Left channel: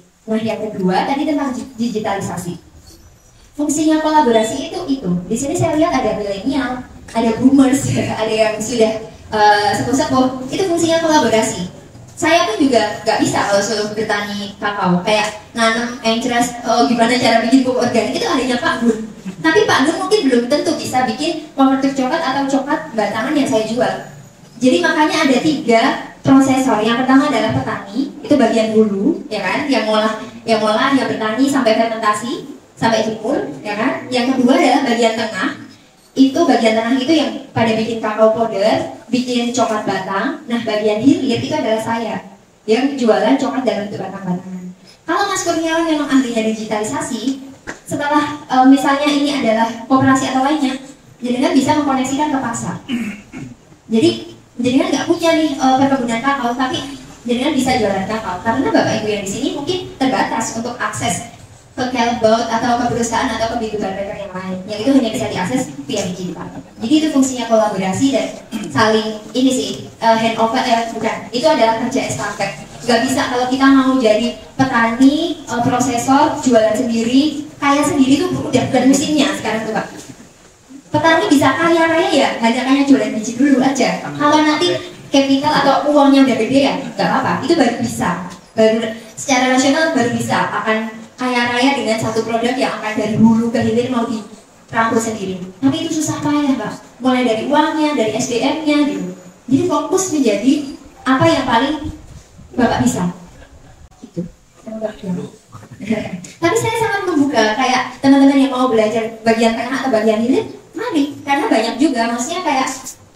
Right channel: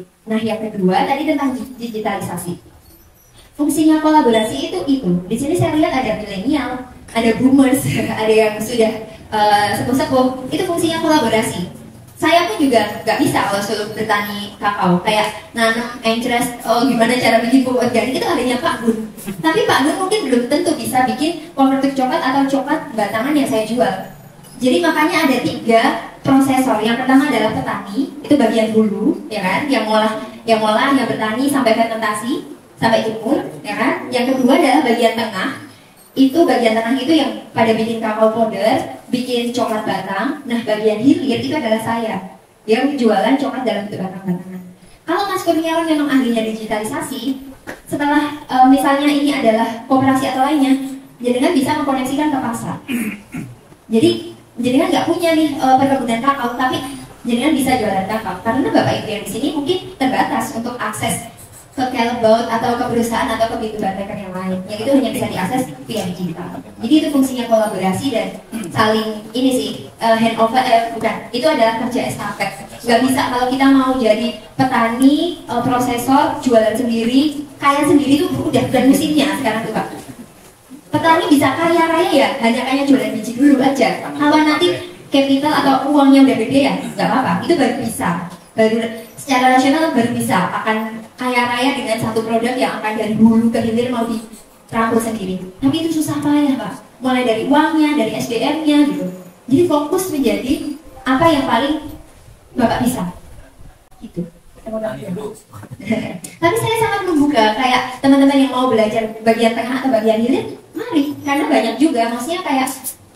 Nah, yang kedua tadi tentang digitalisasi. Fungsinya kolaborasi itu. Di sini saya lihat ada milenial, ada boomers, ada yang sudah sepuh-sepuh. Itu fungsinya kolaborasi. Saya pun juga nggak bisa kalau suruh bertani kakao, kayak nanam interest, gimana cara bikin pupuk organik, itu hanya Pak Gun. Tapi Pak Gun mungkin belum tentu bisa bikin konvertik coklat atau coklat batangan yang saya jual. Jadi makanya ada 3 prosesor. Yang pertama adalah petani, itu bagian hulu, ya kan, yang bertani sampai fermentasi, sampai jemur, ya kan. Yang kedua adalah bagian tengah. Bagian tengah itu yang pada bikin kakao powder, bikin coklat batang. Nah, bagian hilir itu adalah saya yang jualan coklat dalam bentuk batang-batangan. Kalau Mas Kurniawan memang ahlinya digitalisasi, setelah misalnya ini adalah koperasi atau lainnya, jenengan bisa mengkoneksikan ke pasar. Jadi jenengan nggak punya nih perkebunan kakao, tapi jenengan bisa jualan kakao karena Bapak Ibu yang di sini mungkin terbatas untuk akses ke Calbout atau ke perusahaan atau ke B2B yang lain, yang itu hanya bisa diakses via digital. Jadi itu fungsinya kolaborasi dan saling ini sih handover, bukan, itu adalah kerja estafet. Nggak bisa kalau kita mau jadi petani, prosesor, jualan sendiri, kaya sendiri tuh udah bukan musimnya sekarang tuh Pak. Petani bisa kaya raya ya hanya kayak jualan biji dulu aja. Kalau nanti capital atau uangnya udah gede ya nggak apa-apa, itu baru bisa, baru secara nasional baru bisa akan kaya raya dengan satu produk yang akan dari hulu ke hilir mau dirangkul sendiri. Tapi itu susah payah Pak, mulai dari uangnya, dari SDM-nya gitu. Jadi fokus menjadi apa yang paling Bapak bisa gitu. Tapi saya sangat membuka, kayak teman-teman yang mau belajar bagian tengah atau bagian hilir, mari, karena banyak juga, maksudnya kayak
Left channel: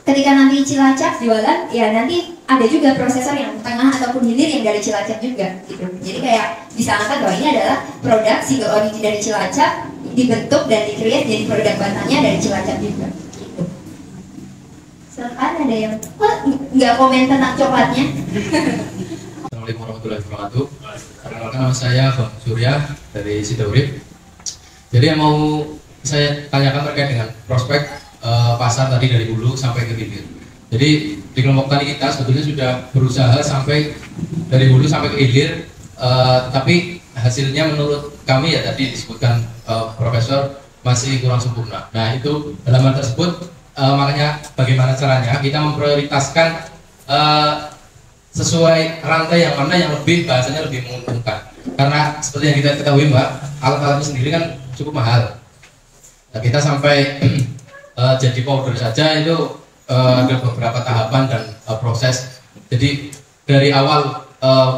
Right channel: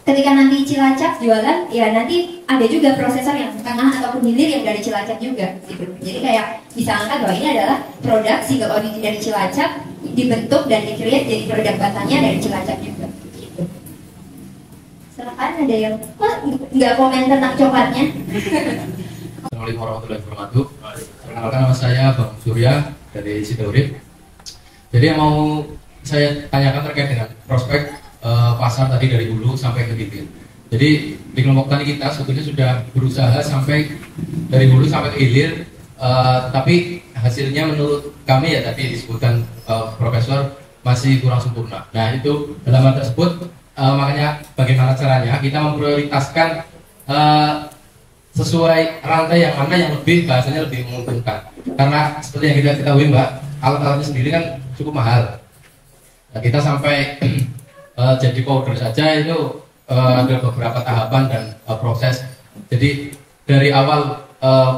ketika nanti Cilacap jualan, ya nanti ada juga prosesor yang tengah ataupun hilir yang dari Cilacap juga gitu. Jadi kayak bisa angkat bahwa ini adalah produk single origin dari Cilacap, dibentuk dan di-create jadi produk batangnya dari Cilacap juga gitu. Silakan, ada yang nggak komen tentang coklatnya? Assalamualaikum warahmatullahi wabarakatuh. Perkenalkan, nama saya Bang Surya dari Sidaurip. Jadi yang mau saya tanyakan terkait dengan prospek pasar tadi dari hulu sampai ke hilir. Jadi di kelompok tani kita sebetulnya sudah berusaha sampai dari hulu sampai ke hilir, tapi hasilnya menurut kami ya tadi disebutkan Profesor masih kurang sempurna. Nah itu dalam hal tersebut makanya bagaimana caranya kita memprioritaskan sesuai rantai yang mana yang lebih bahasanya lebih menguntungkan. Karena seperti yang kita ketahui Mbak, alat-alatnya sendiri kan cukup mahal. Nah, kita sampai jadi powder saja itu ada beberapa tahapan dan proses. Jadi dari awal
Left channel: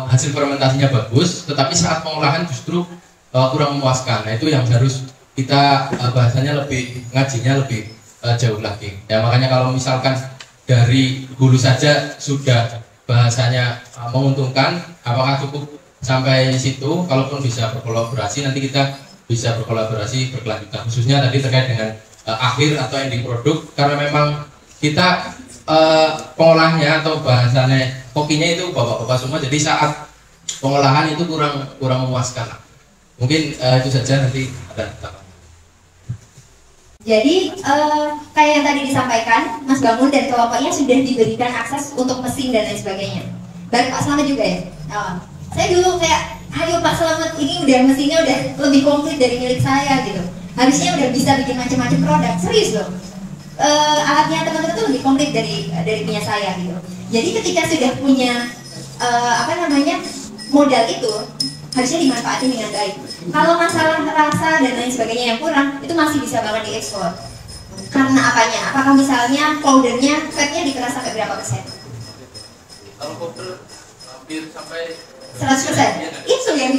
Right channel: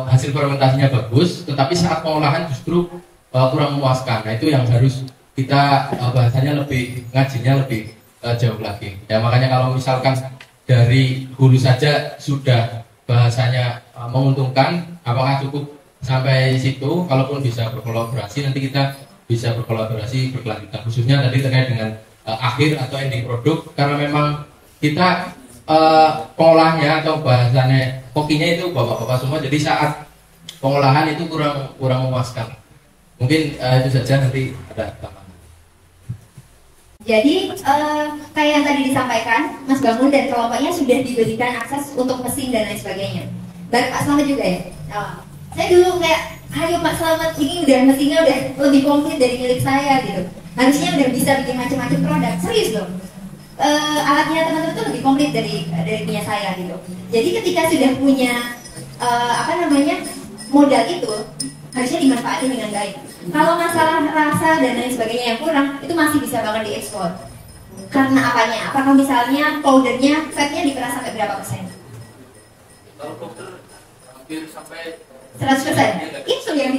hasil fermentasinya bagus, tetapi saat pengolahan justru kurang memuaskan. Nah itu yang harus kita bahasanya lebih ngajinya lebih jauh lagi. Ya makanya kalau misalkan dari hulu saja sudah bahasanya menguntungkan, apakah cukup sampai situ? Kalaupun bisa berkolaborasi, nanti kita bisa berkolaborasi berkelanjutan. Khususnya tadi terkait dengan akhir atau ending produk, karena memang kita pengolahnya atau bahasanya kokinya itu bapak-bapak semua, jadi saat pengolahan itu kurang memuaskan. Mungkin itu saja, nanti ada tambahkan. Jadi kayak yang tadi disampaikan Mas Bangun dan kelompoknya sudah diberikan akses untuk mesin dan lain sebagainya. Bareng Pak Slamet juga ya. Saya dulu kayak, ayo Pak Slamet, ini udah mesinnya udah lebih komplit dari milik saya gitu. Harusnya udah bisa bikin macam-macam produk, serius loh. Alatnya teman-teman tuh lebih komplit dari punya saya gitu. Jadi ketika sudah punya modal itu, harusnya dimanfaatin dengan baik. Kalau masalah rasa dan lain sebagainya yang kurang, itu masih bisa banget diekspor. Karena apanya? Apakah misalnya powdernya, fatnya dikeras sampai berapa persen? Kalau powder hampir sampai 100%. Itu yang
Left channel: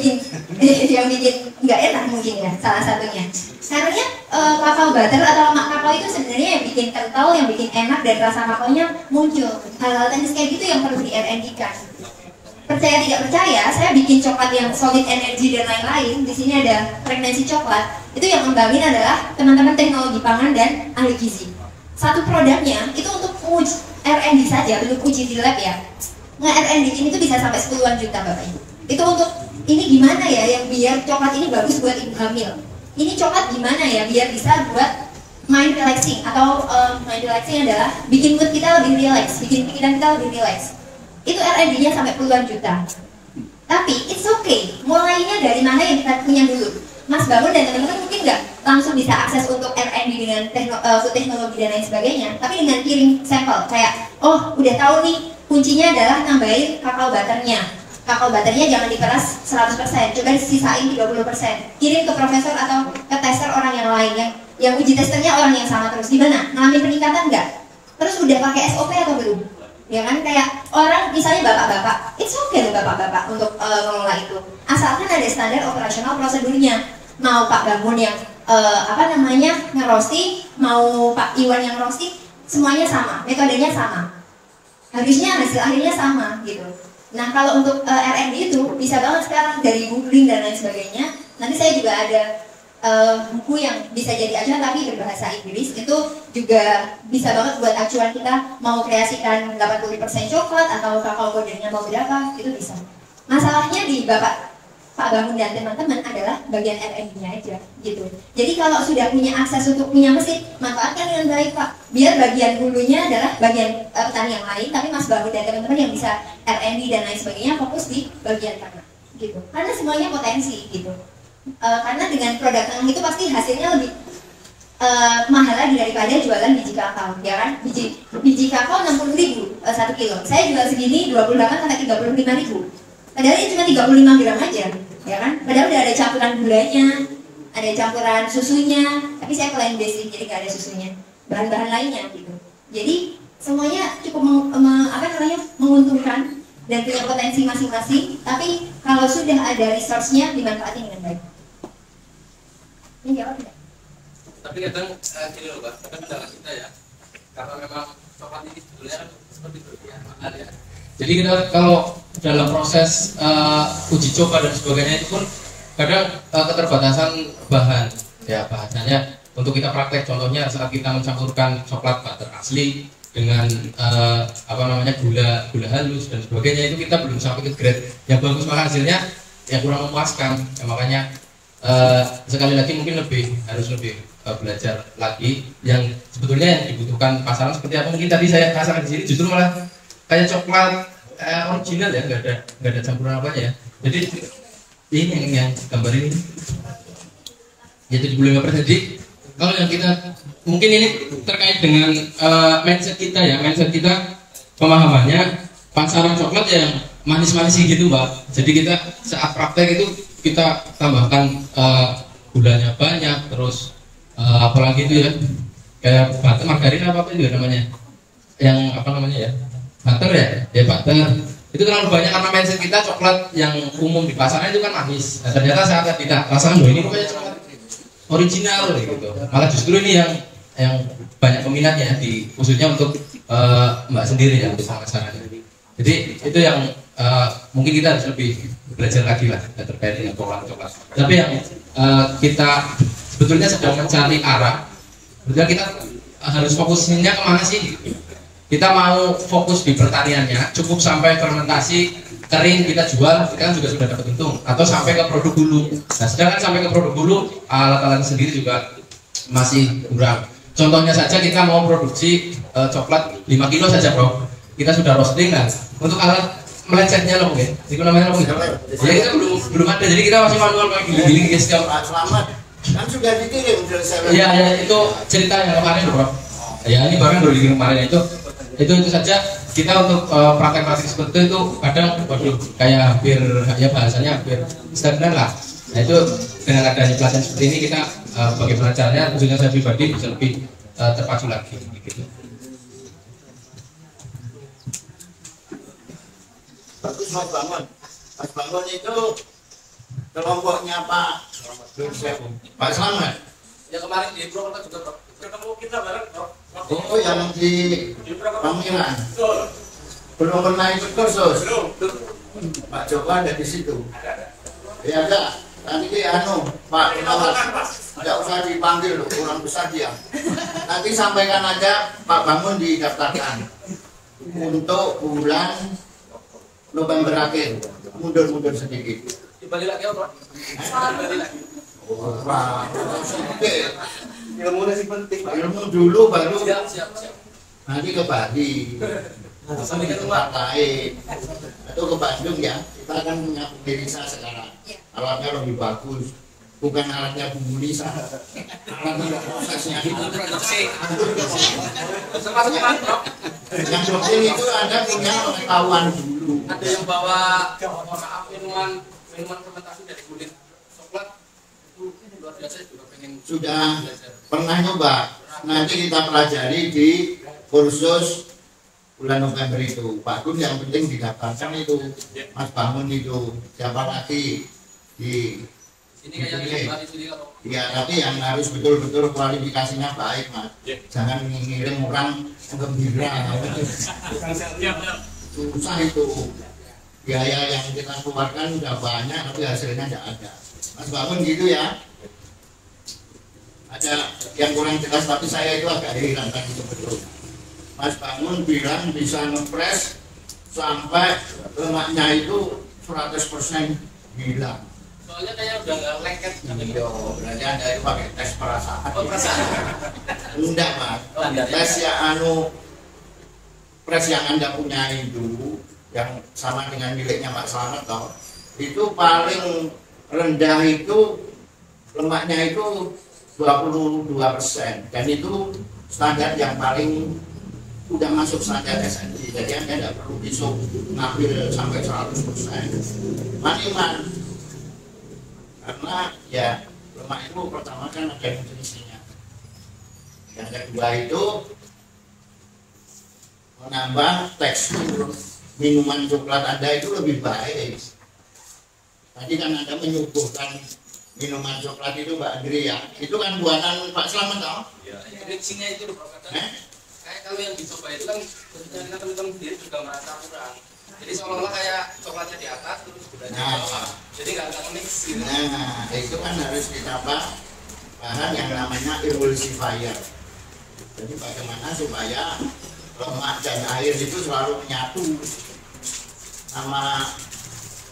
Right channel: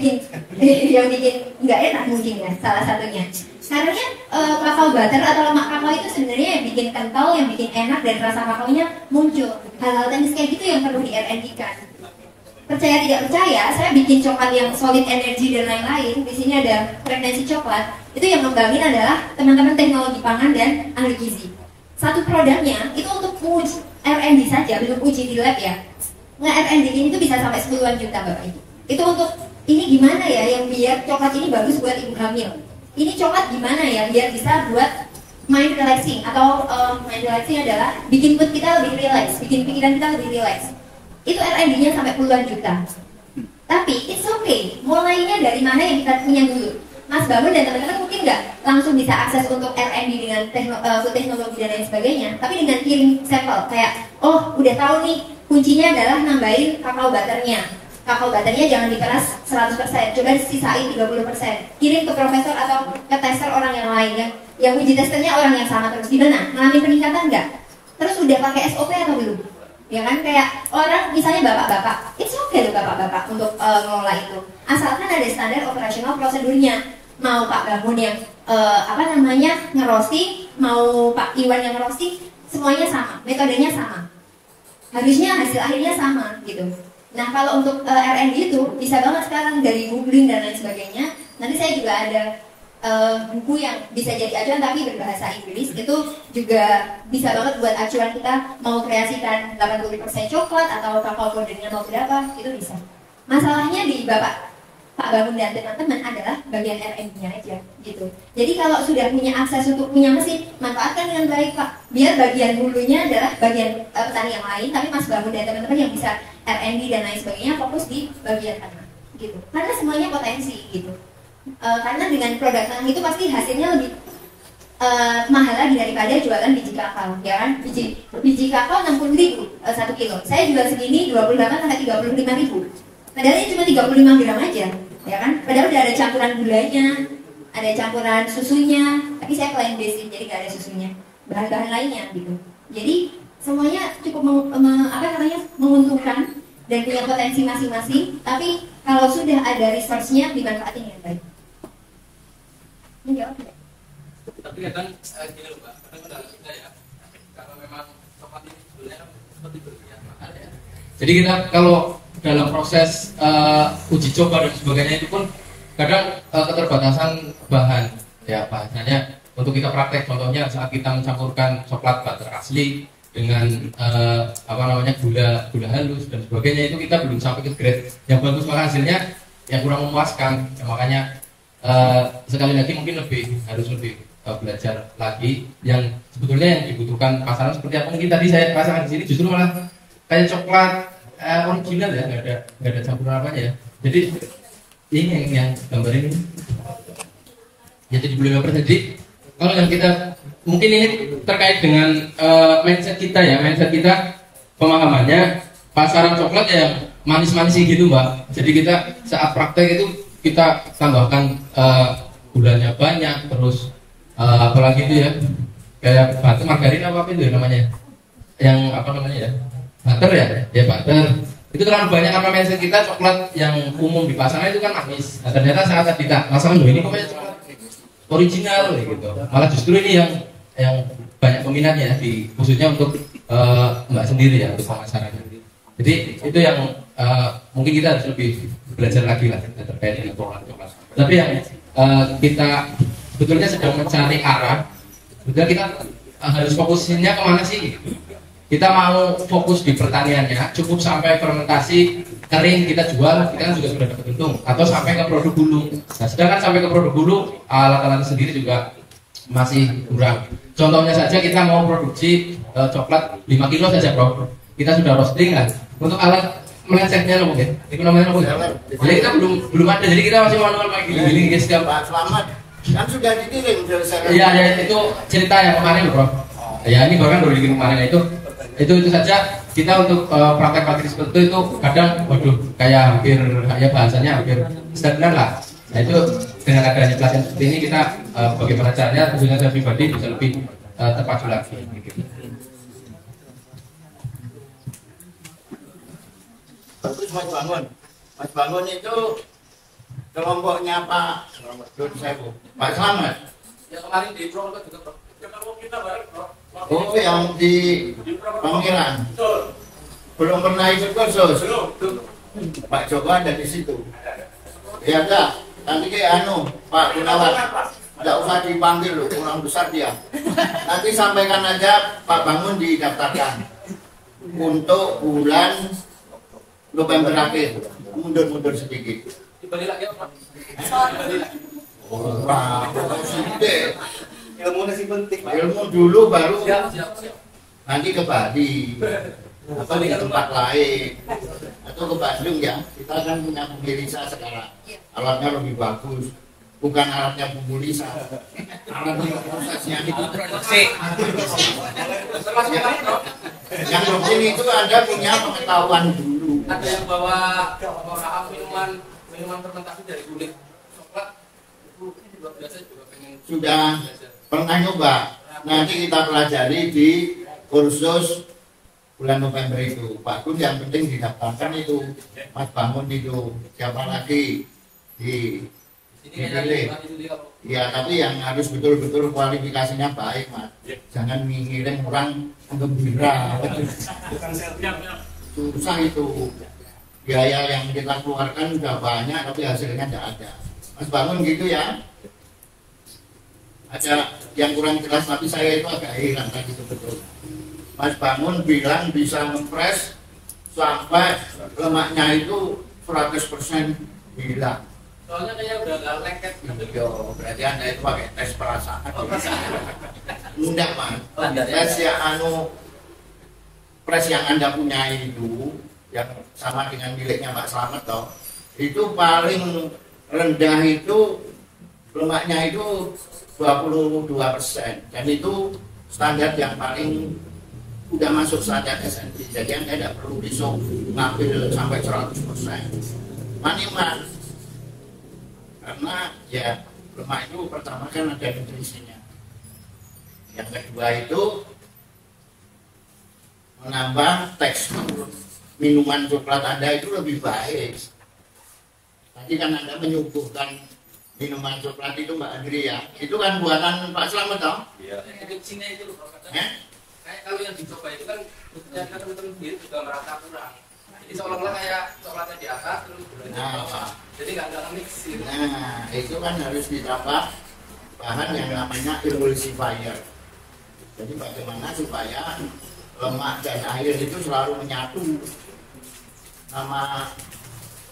bikin nggak enak mungkin ya, salah satunya. Karena kakao butter atau lemak kakao itu sebenarnya yang bikin kental, yang bikin enak dan rasa kakaonya muncul. Hal-hal teknis kayak gitu yang perlu di R&D kan. Percaya tidak percaya, saya bikin coklat yang solid energy dan lain-lain. Di sini ada frekuensi coklat. Itu yang ngembangin adalah teman-teman teknologi pangan dan ahli gizi. Satu produknya itu untuk menguji R&D saja, belum uji di lab ya. R&D ini tuh bisa sampai 10-an juta Bapak Ibu. Itu untuk ini gimana ya yang biar coklat ini bagus buat ibu hamil. Ini coklat gimana ya biar bisa buat mind relaxing, atau mind relaxing adalah bikin mood kita lebih relax, bikin pikiran kita lebih relax. Itu R&D-nya sampai puluhan juta. Tapi it's okay, mulainya dari mana yang kita punya dulu. Mas Bangun dan teman-teman mungkin nggak langsung bisa akses untuk R&D dengan food teknologi dan lain sebagainya, tapi dengan kirim sampel kayak, oh udah tahu nih kuncinya adalah nambahin kakao butternya. Kakao butternya jangan diperas 100%, coba sisain 30%. Kirim ke profesor atau ke tester orang yang lain yang uji testernya orang yang sama terus. Gimana? Ngalamin peningkatan nggak? Terus udah pakai SOP atau belum? Ya kan, kayak orang misalnya bapak-bapak, it's okay loh bapak-bapak untuk mengelola itu, asalkan ada standar operasional prosedurnya. Mau Pak Bangun yang ngerosting, mau Pak Iwan yang roasting, semuanya sama, metodenya sama, harusnya hasil akhirnya sama gitu. Nah kalau untuk R&D itu bisa banget sekarang dari googling dan lain sebagainya. Nanti saya juga ada buku yang bisa jadi acuan tapi berbahasa Inggris, itu juga bisa banget buat acuan kita mau kreasikan 80% coklat atau kakao powdernya mau berapa, itu bisa. Masalahnya di Pak Bangun dan teman-teman adalah bagian R&D-nya aja gitu. Jadi kalau sudah punya akses untuk punya mesin, manfaatkan dengan baik Pak. Biar bagian hulunya adalah bagian petani yang lain, tapi Mas Bangun dan teman-teman yang bisa R&D dan lain sebagainya fokus di bagian tengah gitu. Karena semuanya potensi gitu. Karena dengan produk tengah itu pasti hasilnya lebih mahal lagi daripada jualan biji kakao, ya kan? Biji kakao 60.000 1 kilo. Saya jual segini 28 sampai 35.000. Padahal ini cuma 35 gram aja, ya kan? Padahal udah ada campuran gulanya, ada campuran susunya, tapi saya plain basic, jadi nggak ada susunya, bahan-bahan lainnya gitu. Jadi semuanya cukup menguntungkan dan punya potensi masing-masing. Tapi kalau sudah ada resource-nya dimanfaatin dengan baik. Ini jawab tidak? Tapi kadang gini loh Pak, kadang kendala kita ya, karena memang coklat ini sebetulnya seperti berlebihan mahal ya. Jadi kita kalau dalam proses uji coba dan sebagainya itu pun kadang keterbatasan bahan ya, bahasanya untuk kita praktek. Contohnya saat kita mencampurkan coklat butter asli dengan gula halus dan sebagainya, itu kita belum sampai ke grade yang bagus, maka hasilnya yang kurang memuaskan ya. Makanya sekali lagi mungkin harus lebih belajar lagi yang sebetulnya yang dibutuhkan pasaran seperti apa. Mungkin tadi saya pasaran di sini justru malah kayak coklat original ya, nggak ada campuran apa ya. Jadi ini yang gambar ini ya 75%. Jadi kalau yang kita mungkin ini terkait dengan mindset kita ya, mindset kita pemahamannya pasaran coklat yang manis-manis gitu Mbak. Jadi kita saat praktek itu kita tambahkan gulanya banyak, terus apalagi itu ya kayak butter, margarin apa itu ya namanya, yang ya butter ya butter itu terlalu banyak karena mindset kita coklat yang umum di pasaran itu kan manis. Nah ternyata saat kita rasakan ini kok kayak coklat original gitu, malah justru ini yang banyak peminatnya khususnya untuk Mbak sendiri ya, untuk pemasaran. Jadi itu yang mungkin kita harus lebih belajar lagi lah terkait dengan pengolahan coklat. Tapi yang kita sebetulnya sedang mencari arah, sebetulnya kita harus fokusnya kemana sih? Kita mau fokus di pertaniannya, cukup sampai fermentasi kering kita jual, kita kan juga sudah dapat untung, atau sampai ke produk hulu. Nah sedangkan sampai ke produk hulu, alat-alat sendiri juga masih kurang. Contohnya saja kita mau produksi coklat 5 kilo saja bro, kita sudah roasting kan, untuk alat melecetnya loh mungkin, namanya loh mungkin. Ya kita belum ada, jadi kita masih manual kayak gini guys. Selamat, kan sudah dikirim. Ya itu cerita yang kemarin loh bro. Ya ini bahkan baru dikirim kemarin, itu saja. Kita untuk praktek-praktek seperti itu kadang waduh kayak hampir ya bahasanya hampir stagnan lah. Nah itu dengan adanya pelatihan seperti ini kita bagaimana caranya khususnya saya pribadi bisa lebih terpacu lagi gitu. Bagus Mas Bangun itu kelompoknya Pak Pak Slamet. Ya kemarin di Purwokerto juga bro. Kita bareng bro. Oh yang di Pangeran. Belum pernah ikut kursus. Pak Joko ada di situ. Ya enggak. Nanti kayak Pak Gunawan. Enggak usah dipanggil loh, kurang besar dia. Nanti sampaikan aja Pak Bangun didaftarkan untuk bulan November akhir. Mundur sedikit. Dibalik lagi apa? Oh, Pak, sedikit. Ilmu masih penting. Ilmu dulu baru siap. nanti ke Bali. atau di tempat lain atau ke Bandung ya, kita kan punya Bumilisa sekarang, alatnya lebih bagus, bukan alatnya Bumilisa, alatnya prosesnya itu produksi. Yang penting itu Anda punya pengetahuan dulu. Ada yang bawa maaf minuman fermentasi dari kulit coklat itu luar biasa juga pengen. Sudah pernah nyoba? Nanti kita pelajari di kursus bulan November itu. Pak Gun yang penting didaftarkan itu, Mas Bangun itu, siapa lagi di dipilih. Ya, tapi yang harus betul-betul kualifikasinya baik, Mas. Jangan ngirim orang gembira. Susah itu. Biaya yang kita keluarkan sudah banyak, tapi hasilnya tidak ada. Mas Bangun gitu ya. Ada yang kurang jelas, tapi saya itu agak heran tadi sebetulnya. Mas Bangun bilang bisa ngepres sampai lemaknya itu 100% hilang. Soalnya kayak udah nggak lengket. Iya, berarti Anda itu pakai tes perasaan. Oh, perasaan. Enggak, Mas. Tes yang pres yang Anda punya itu yang sama dengan miliknya Pak Slamet toh, itu paling rendah itu lemaknya itu 22%, dan itu standar yang paling udah masuk standar SNI. Jadi Anda tidak perlu besok ngambil sampai 100%. Maniman, karena ya lemak itu pertama kan ada nutrisinya. Yang kedua itu menambah tekstur minuman coklat Anda itu lebih baik. Tadi kan Anda menyuguhkan minuman coklat itu Mbak Andri ya, itu kan buatan Pak Slamet toh? Iya. Mixingnya itu loh kayak kalau yang dicoba itu kan kebetulan teman-teman sendiri juga merasa kurang. Jadi seolah-olah kayak coklatnya di atas terus gulanya di bawah. Jadi nggak mix gitu. Nah, itu kan harus ditambah bahan yang namanya emulsifier. Jadi bagaimana supaya lemak dan air itu selalu menyatu. Sama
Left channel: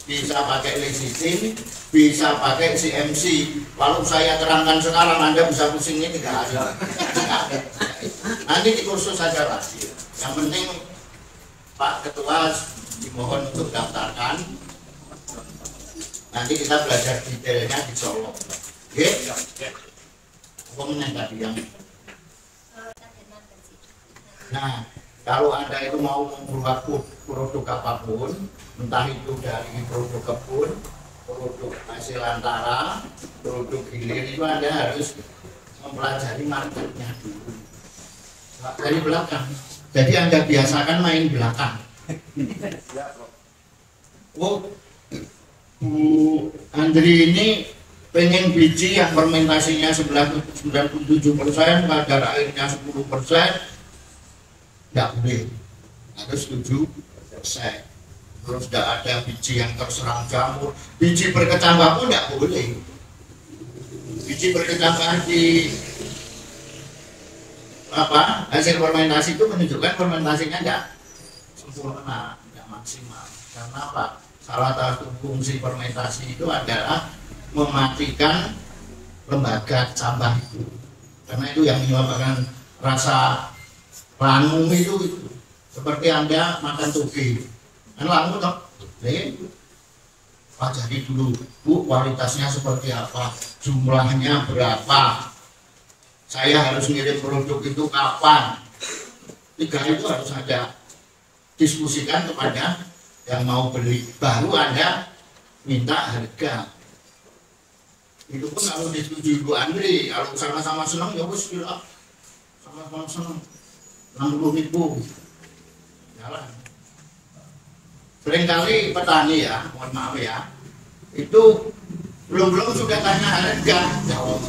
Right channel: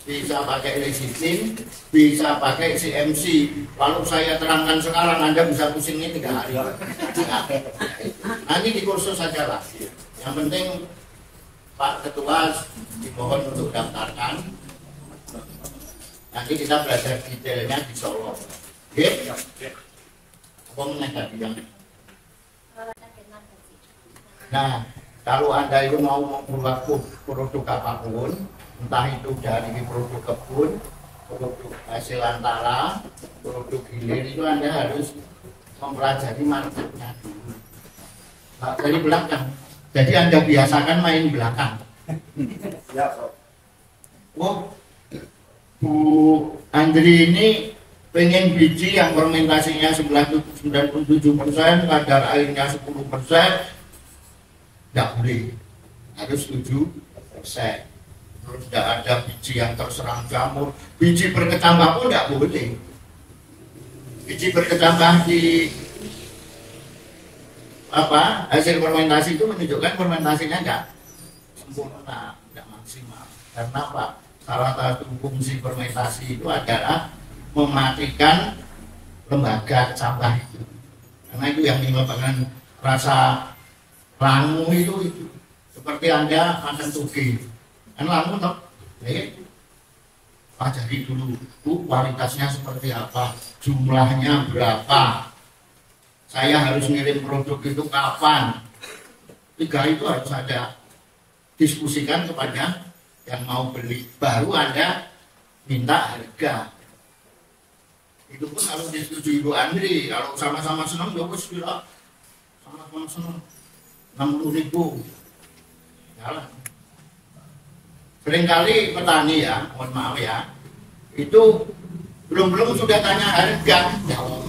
bisa pakai lecithin, bisa pakai CMC. Kalau saya terangkan sekarang, Anda bisa pusingnya 3 hari. Nanti di kursus saja lah. Yang penting Pak Ketua dimohon untuk daftarkan. Nanti kita belajar detailnya di Solo. Oke? Apa mengenai yang? Nah, kalau Anda itu mau membuat produk apapun, entah itu dari produk kebun, produk hasil antara, produk hilir, itu Anda harus mempelajari marketnya dulu. Nah, dari belakang. Jadi Anda biasakan main belakang. Oh, Bu Andri ini pengen biji yang fermentasinya 97%, kadar airnya 10%. Tidak boleh, harus 7%. Terus tidak ada biji yang terserang jamur, biji berkecambah pun tidak boleh. Biji berkecambah di hasil fermentasi itu menunjukkan fermentasinya tidak sempurna, tidak maksimal. Karena apa? Salah satu fungsi fermentasi itu adalah mematikan lembaga kecambah itu. Karena itu yang menyebabkan rasa langu itu seperti Anda makan toge. Kan langu toh? Pelajari dulu, Bu, kualitasnya seperti apa, jumlahnya berapa, saya harus ngirim produk itu kapan. 3 itu harus ada diskusikan kepada yang mau beli. Baru Anda minta harga. Itu pun kalau disetujui Bu Andri, kalau sama-sama senang ya bos, sama-sama senang. 60.000 jalan. Seringkali petani ya, mohon maaf ya, itu belum sudah tanya harga.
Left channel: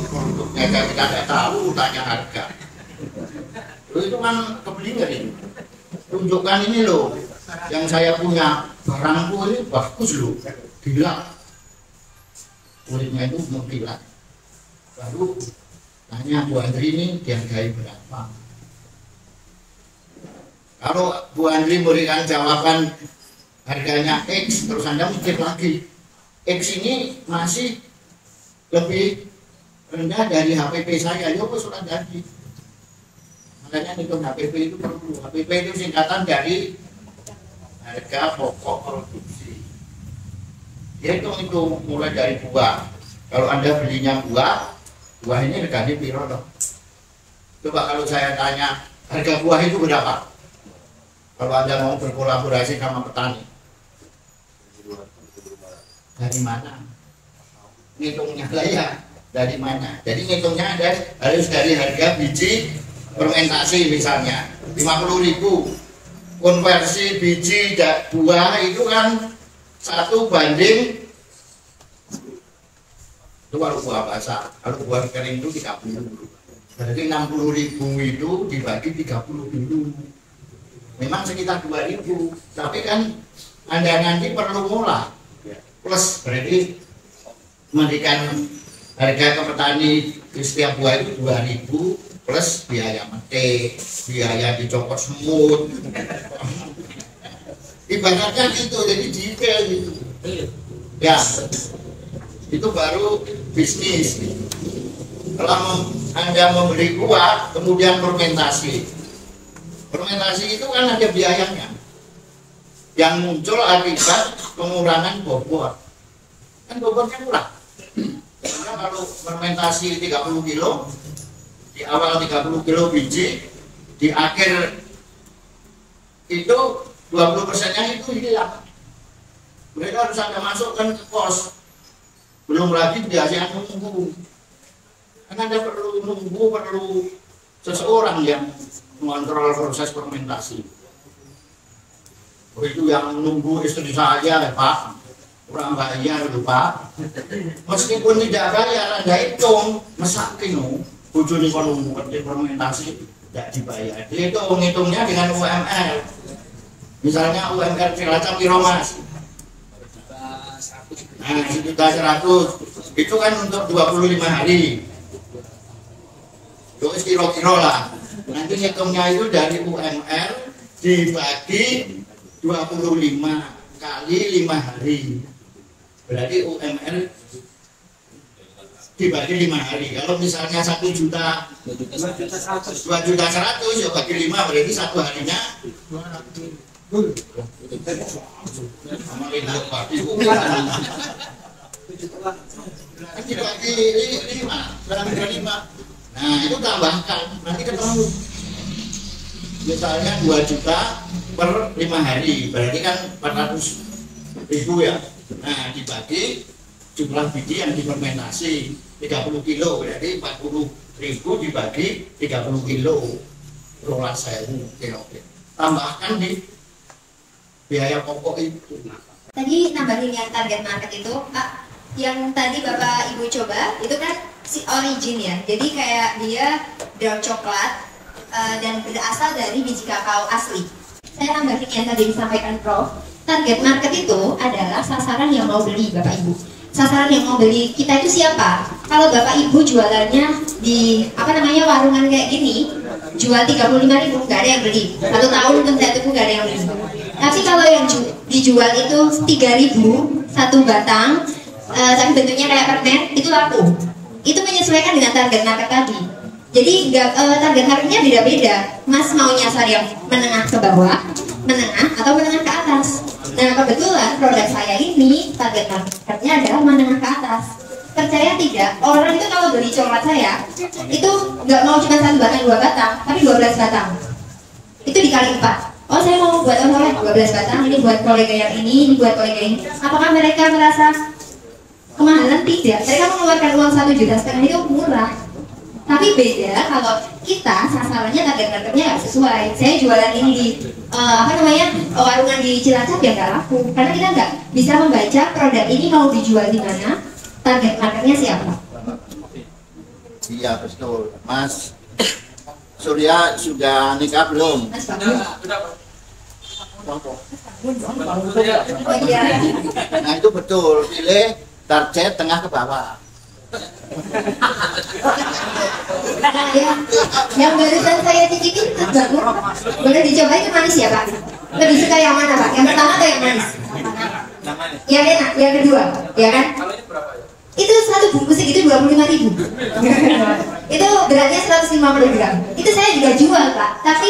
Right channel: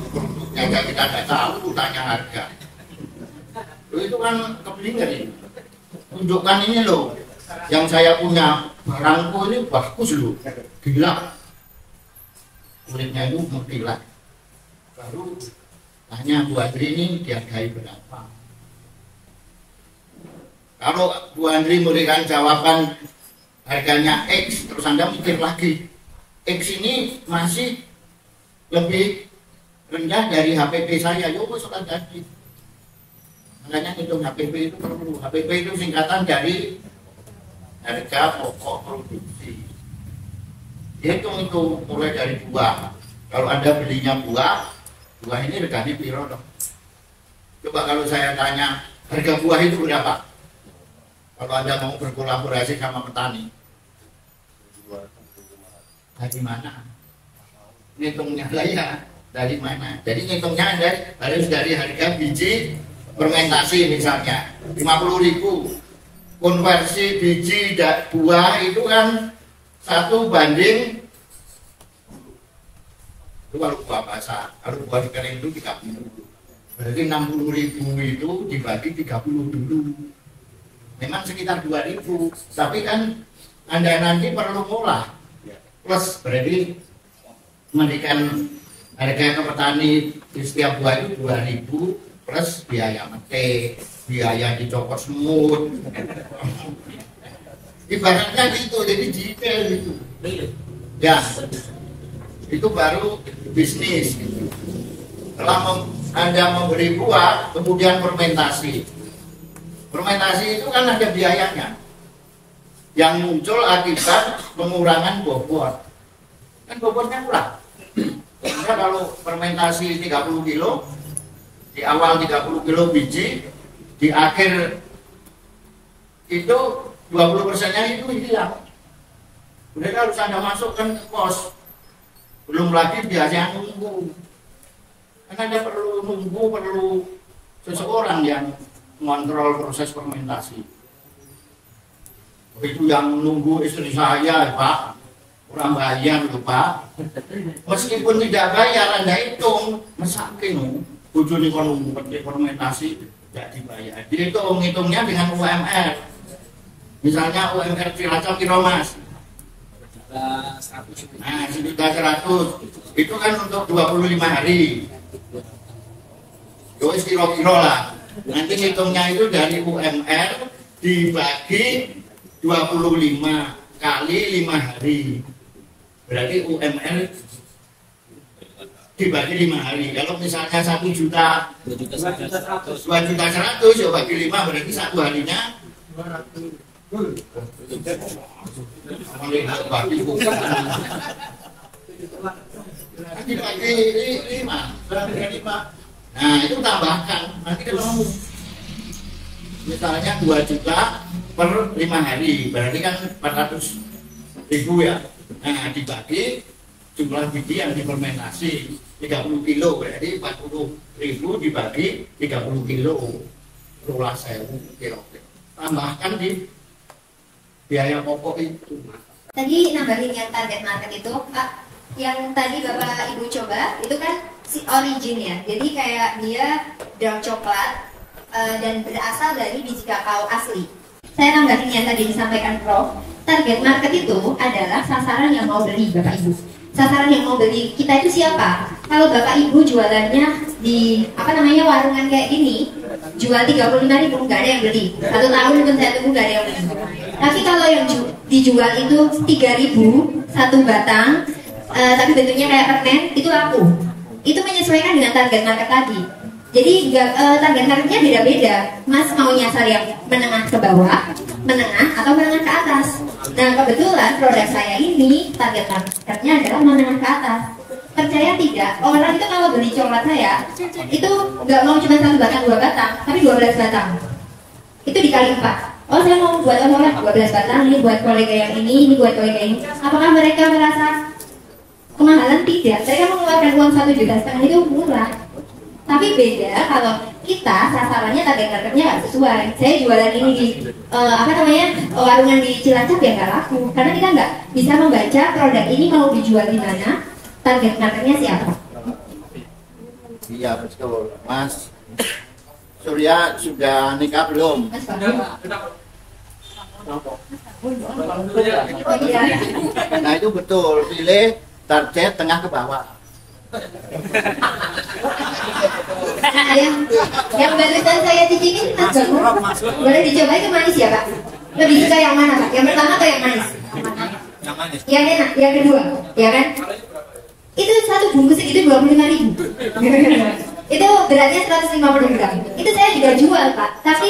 Produknya kita tidak tahu, tanya harga. Itu kan keblinger ini. Tunjukkan ini loh, yang saya punya barangku ini bagus loh, gila. Kulitnya itu mengkilat. Baru tanya Bu Andri ini dihargai berapa. Kalau Bu Andri memberikan jawaban harganya X, terus Anda mikir lagi, X ini masih lebih rendah dari HPP saya, yo sudah jadi. Makanya hitung HPP itu perlu. HPP itu singkatan dari harga pokok produksi. Hitung itu mulai dari buah. Kalau Anda belinya buah ini regane piro dong? Coba kalau saya tanya harga buah itu berapa? Kalau Anda mau berkolaborasi sama petani, dari mana? Ngitungnya lah ya, dari mana? Jadi ngitungnya Anda harus dari harga biji fermentasi misalnya 50.000. Konversi biji buah itu kan 1 banding, itu kalau buah basah, kalau buah kering itu 30. Berarti 60.000 itu dibagi 30 dulu. Memang sekitar 2.000, tapi kan Anda nanti perlu mulai plus, berarti memberikan harga ke petani di setiap buah itu 2.000 plus biaya metik, biaya dicopot semut. Ibaratnya gitu, jadi detail gitu. Ya, itu baru bisnis. Kalau Anda memberi buah, kemudian fermentasi. Fermentasi itu kan ada biayanya. Yang muncul akibat pengurangan bobot. Kan bobotnya kurang. Karena kalau fermentasi 30 kilo, di awal 30 kilo biji, di akhir itu 20%-nya itu hilang. Mereka harus Anda masukkan ke pos. Belum lagi biaya nunggu. Karena Anda perlu nunggu, perlu seseorang yang mengontrol proses fermentasi. Itu yang nunggu istri saya, Pak. Kurang bayar itu, Pak. Meskipun tidak bayar, Anda hitung, mesakin. Bujuni kon ngerti fermentasi tidak dibayar. Dia itu ngitungnya dengan UMR. Misalnya UMR Cilacap kilo Mas. Nah, 1.100.000 itu kan untuk 25 hari. Yo kilo-kilo lah. Nanti ngitungnya itu dari UMR dibagi 25 kali 5 hari. Berarti UMR dibagi 5 hari. Kalau misalnya 1 juta, 2.100.000 ya bagi 5 berarti 1 harinya 200. Dibagi 5. Nah itu tambahkan, nanti ketemu. Misalnya 2 juta per 5 hari, berarti kan 400.000 ya. Nah dibagi jumlah biji yang difermentasi 30 kilo, berarti 40.000 dibagi 30 kilo, 12.000 kilo. Tambahkan di biaya pokok itu. Tadi nambahin yang target market itu, Pak, yang tadi Bapak Ibu coba itu kan si origin ya. Jadi kayak dia dark coklat dan berasal dari biji kakao asli. Saya nambahin yang tadi disampaikan Prof. Target market itu adalah sasaran yang mau beli, Bapak Ibu. Sasaran yang mau beli kita itu siapa? Kalau Bapak Ibu jualannya di warungan kayak gini, jual 35.000 nggak ada yang beli. 1 tahun pun saya tunggu nggak ada yang beli. Tapi kalau yang dijual itu 3.000 1 batang, tapi bentuknya kayak permen, itu laku. Itu menyesuaikan dengan target market tadi. Jadi target marketnya beda-beda. Mas mau nyasar yang menengah ke bawah, menengah atau menengah ke atas. Nah kebetulan produk saya ini target marketnya adalah menengah ke atas. Percaya tidak, orang itu kalau beli coklat saya itu nggak mau cuma 1 batang 2 batang, tapi 12 batang. Itu dikali 4. Oh saya mau buat oleh 12 batang, ini buat kolega yang ini buat kolega ini. Apakah mereka merasa kemahalan? Tidak. Mereka mengeluarkan uang 1,5 juta itu murah. Tapi beda kalau kita sasarannya target marketnya nggak sesuai. Saya jualan ini di warungan di Cilacap ya nggak laku, karena kita nggak bisa membaca produk ini mau dijual di mana, target marketnya siapa. Iya betul, Mas. Surya sudah nikah belum? Oh iya. Nah itu betul, pilih target tengah ke bawah. Nah, yang barusan saya cicipin tas bagus. Boleh dicoba itu manis ya Pak? Lebih suka yang mana Pak? Yang pertama atau yang manis? Yang enak, yang kedua, ya kan? Itu 1 bungkus itu 25.000. Itu beratnya 150 gram. Itu saya juga jual, Pak. Tapi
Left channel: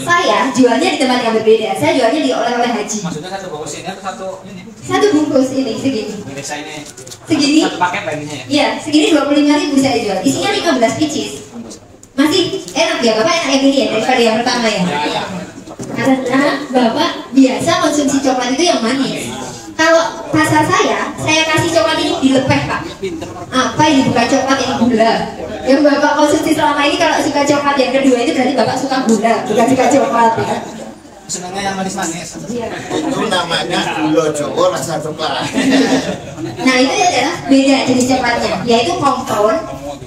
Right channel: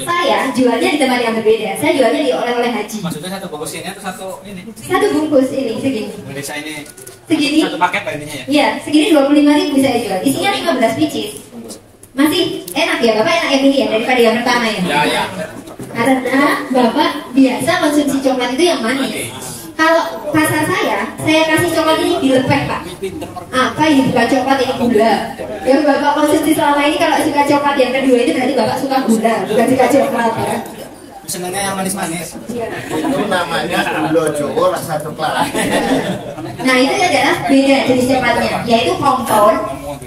saya jualnya di tempat yang berbeda. Saya jualnya di oleh-oleh haji. Maksudnya satu bungkus ini atau satu ini? Satu bungkus ini segini. Desa ini. Segini. Satu paket Pak ininya ya? Iya, segini 25.000 saya jual. Isinya 15 pieces. Masih enak ya, Bapak enak yang ini ya daripada yang pertama ya? Ya. Karena Bapak biasa konsumsi coklat itu yang manis. Kalau pasar saya kasih coklat ini dilepeh, Pak. Apa ini bukan coklat, ini gula. Yang Bapak konsumsi selama ini kalau suka coklat yang kedua itu berarti Bapak suka gula, bukan suka coklat ya. Sebenarnya yang manis-manis. Iya. Itu namanya gula Jawa rasa coklat. Nah itu adalah beda jenis coklatnya, yaitu kompon.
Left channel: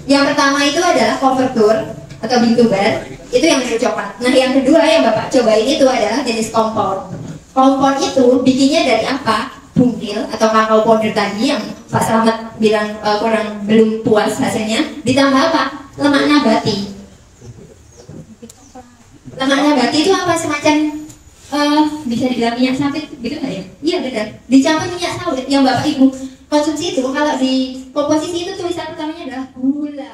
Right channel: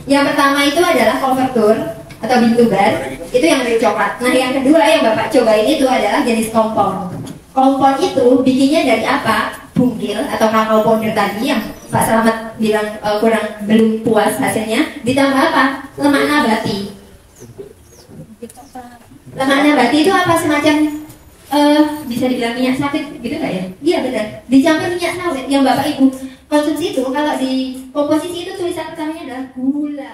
Yang pertama itu adalah coverture atau bintubar, itu yang mirip coklat. Nah yang kedua yang Bapak cobain itu adalah jenis kompon. Kompon itu bikinnya dari apa? Bungkil atau kakao powder tadi yang Pak Slamet bilang belum puas hasilnya. Ditambah apa? Lemak nabati. Lemak nabati itu apa? Semacam bisa dibilang minyak sawit gitu nggak ya? Iya benar. Dicampur minyak sawit yang Bapak Ibu konsumsi itu kalau di komposisi itu tulisan utamanya adalah gula.